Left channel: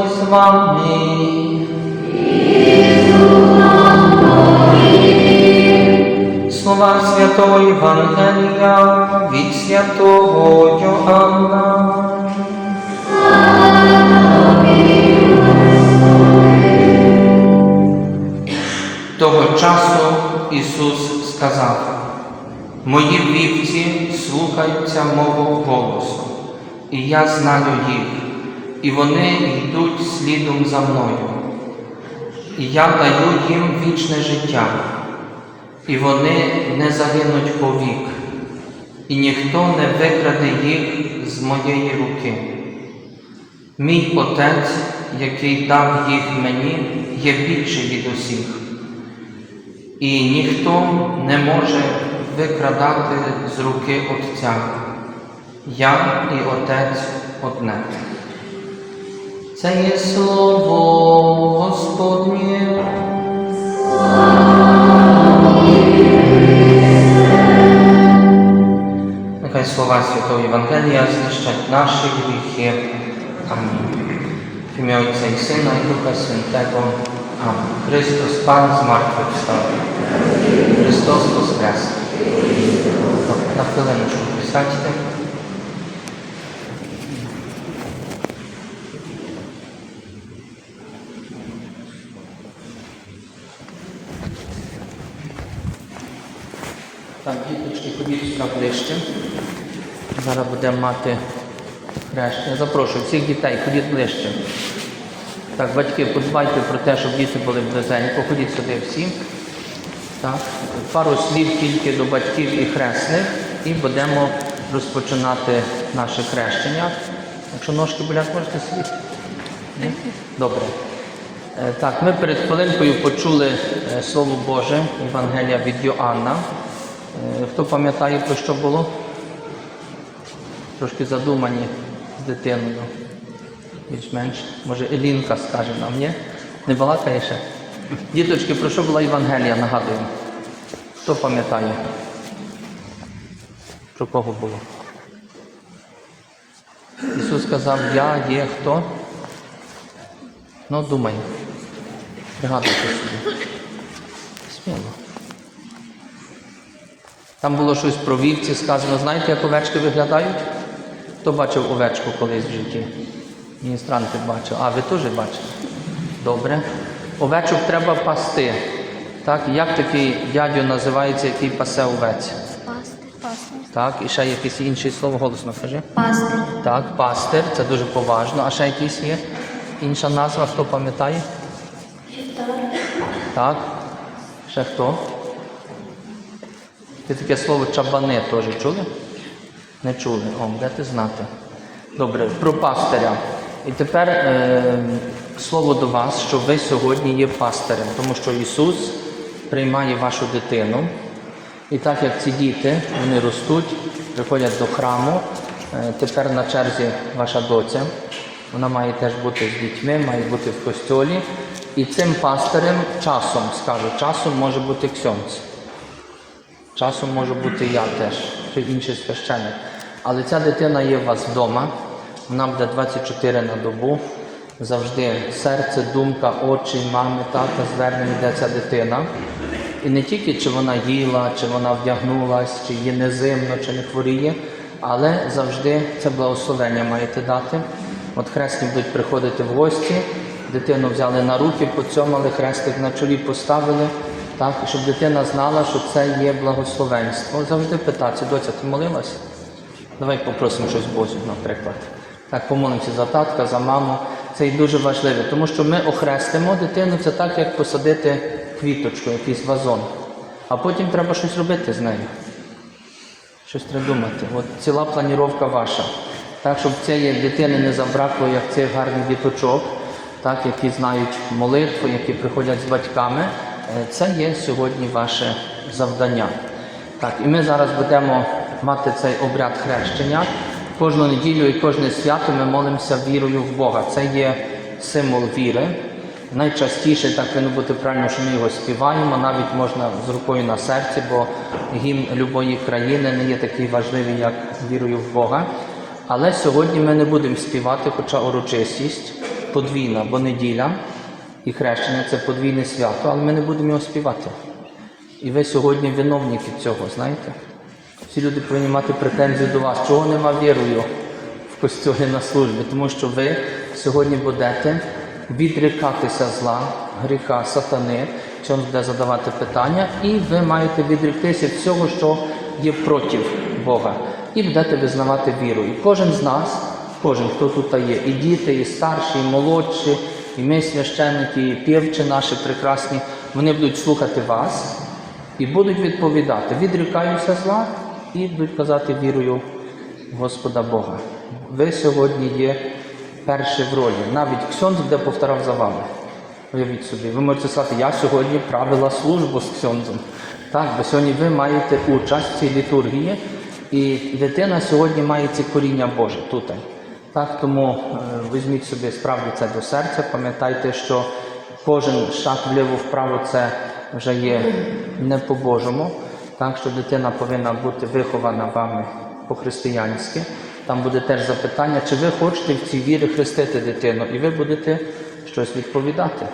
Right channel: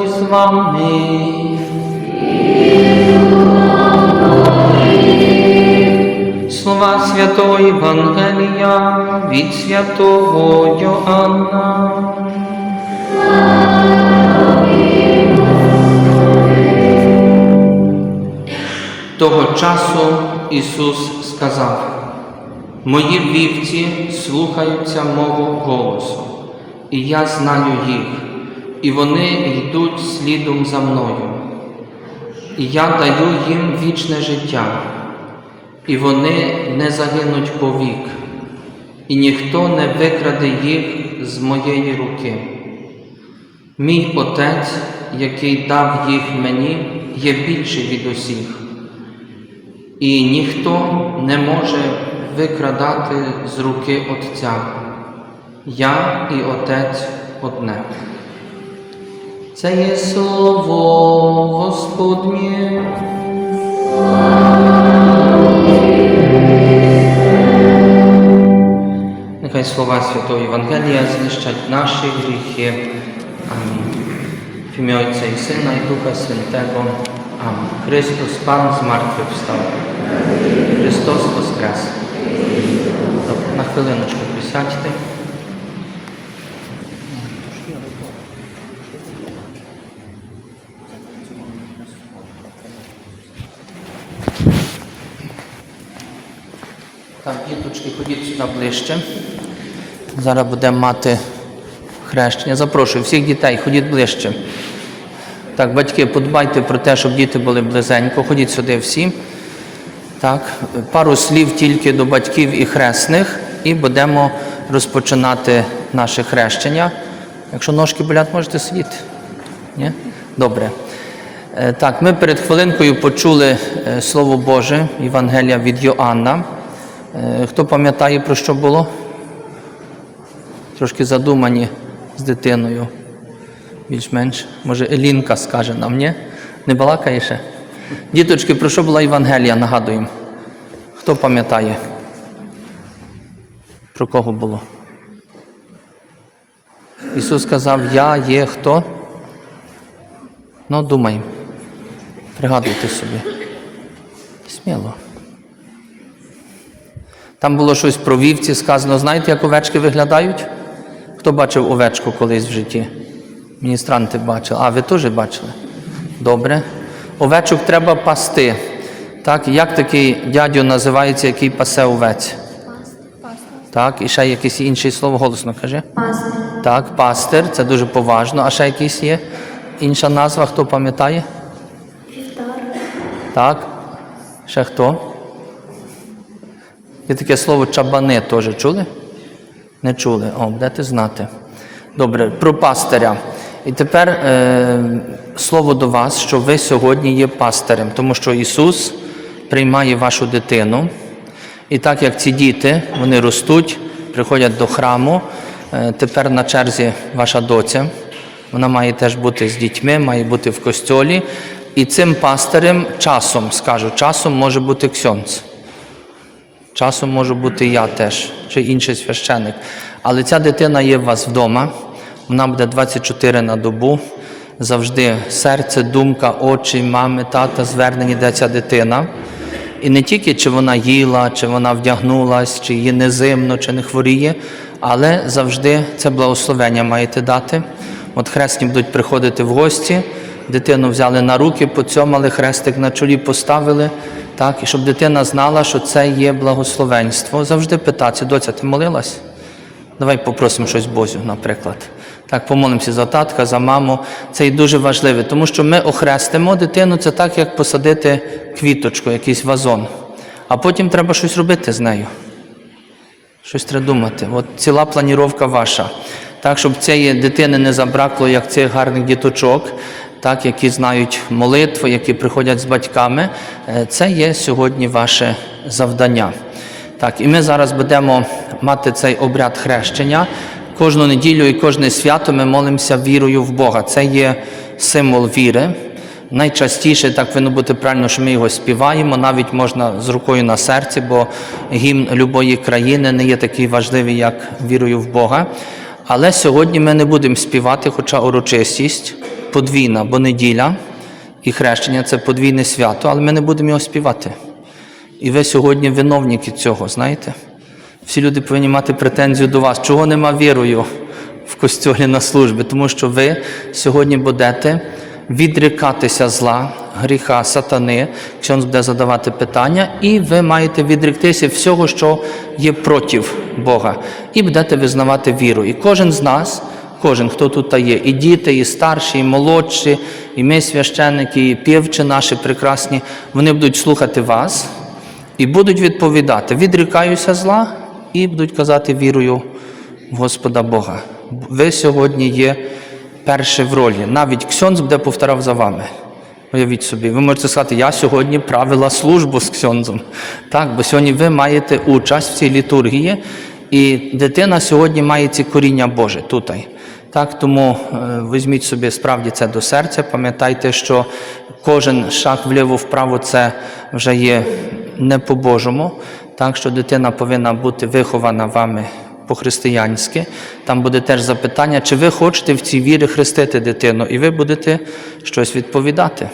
Господь з вами. Слова святого Євангелія від святого Йоанна. Того часу Ісус сказав, мої вівці слухаються мого голосу, і я знаю їх і вони йдуть слідом за мною. І я даю їм вічне життя, і вони не загинуть повік, і ніхто не викраде їх з моєї руки. Мій Отець, який дав їх мені, є більший від усіх, і ніхто не може викрадати з руки Отця. Я і Отець одне. Це є слово Господнє. Нехай слова Святого Євангелія знищать наші гріхи. Амінь. В ім'я Отця і Сина і Духа Святого. Амінь. Христос Пан з мертвих встав. Христос Воскрес. На хвилиночку присядьте. Так, діточки, ходіть сюди ближче. Зараз будемо мати хрещення. Запрошую всіх дітей, ходіть ближче. Так, батьки, подбайте про те, щоб діти були близенько. Ходіть сюди всі. Так, пару слів тільки до батьків і хресних, і будемо розпочинати наше хрещення. Якщо ножки болять, можете сидіти. Ні? Добре. Е, Так, ми перед хвилинкою почули е, Слово Боже, Євангелія від Йоанна. Е, Хто пам'ятає, про що було? Трошки задумані з дитиною. Більш-менш. Може, Елінка скаже нам, ні? Не балакає ще? Діточки, про що була Євангелія, нагадуємо. Хто пам'ятає? Про кого було? Ісус сказав, я є хто? Ну, думаємо. Пригадуйте собі. Сміло. Там було щось про вівці сказано. Знаєте, як овечки виглядають? Хто бачив овечку колись в житті? Міністранти бачили. А, ви теж бачили? Добре. Овечок треба пасти. Так, як такий дядьо називається, який пасе овець? Пастир. Так, і ще якесь інше слово голосно кажи. Пастир. Так, пастир, це дуже поважно. А ще якийсь є інша назва, хто пам'ятає? Вівтар. Так. Ще хто? Є таке слово чабани теж чули? Не чули. О, будете знати. Добре, про пастиря. І тепер е, слово до вас, що ви сьогодні є пастирем, тому що Ісус приймає вашу дитину. І так як ці діти, вони ростуть, приходять до храму, е, тепер на черзі ваша доця. Вона має теж бути з дітьми, має бути в костьолі. І цим пастирем часом, скажу, часом може бути ксьонц. Часом можу бути я теж, чи інший священик. Але ця дитина є у вас вдома, вона буде 24 на добу. Завжди серце, думка, очі, мами, тата звернені, де ця дитина. І не тільки чи вона їла, чи вона вдягнулась, чи їй не зимно, чи не хворіє, але завжди це благословення маєте дати. От хресні будуть приходити в гості, дитину взяли на руки, поцьомали, хрестик на чолі поставили. Так, і щоб дитина знала, що це є благословенство. Завжди питатися, доця, ти молилась? Давай попросимо щось Бозю, наприклад. Так, помолимося за татка, за маму. Це і дуже важливо, тому що ми охрестимо дитину, це так, як посадити квіточку, якийсь вазон. А потім треба щось робити з нею. Щось треба думати. От ціла планіровка ваша. Так, щоб цієї дитини не забракло, як цих гарних діточок, так, які знають молитву, які приходять з батьками. Е, Це є сьогодні ваше завдання. Так, і ми зараз будемо мати цей обряд хрещення. Кожну неділю і кожне свято ми молимося вірою в Бога. Це є символ віри. Найчастіше так повинно бути правильно, що ми його співаємо, навіть можна з рукою на серці, бо гімн любої країни не є такий важливий, як вірою в Бога. Але сьогодні ми не будемо співати, хоча урочистість подвійна, бо неділя і хрещення це подвійне свято, але ми не будемо його співати. І ви сьогодні виновники цього, знаєте? Всі люди повинні мати претензію до вас. Чого нема вірою в костьолі на службі? Тому що ви сьогодні будете відрікатися зла, гріха, сатани, Ксьонз буде задавати питання, і ви маєте відріктися всього, що є проти Бога, і будете визнавати віру. І кожен з нас, кожен, хто тут є, і діти, і старші, і молодші, і ми священники, і півчі наші прекрасні, вони будуть слухати вас і будуть відповідати: відрікаюся зла, і будуть казати вірою в Господа Бога. Ви сьогодні є перші в ролі. Навіть Ксьонз буде повторав за вами. Уявіть собі, ви можете сказати, я сьогодні правила службу з Ксьонзом. Так, бо сьогодні ви маєте участь в цій літургії, і дитина сьогодні має ці коріння Боже тут. Так, тому е, візьміть собі справді це до серця. Пам'ятайте, що кожен шаг вліво-вправо це вже є не по-божому. Так що дитина повинна бути вихована вами по-християнськи. Там буде теж запитання, чи ви хочете в цій вірі хрестити дитину, і ви будете щось відповідати.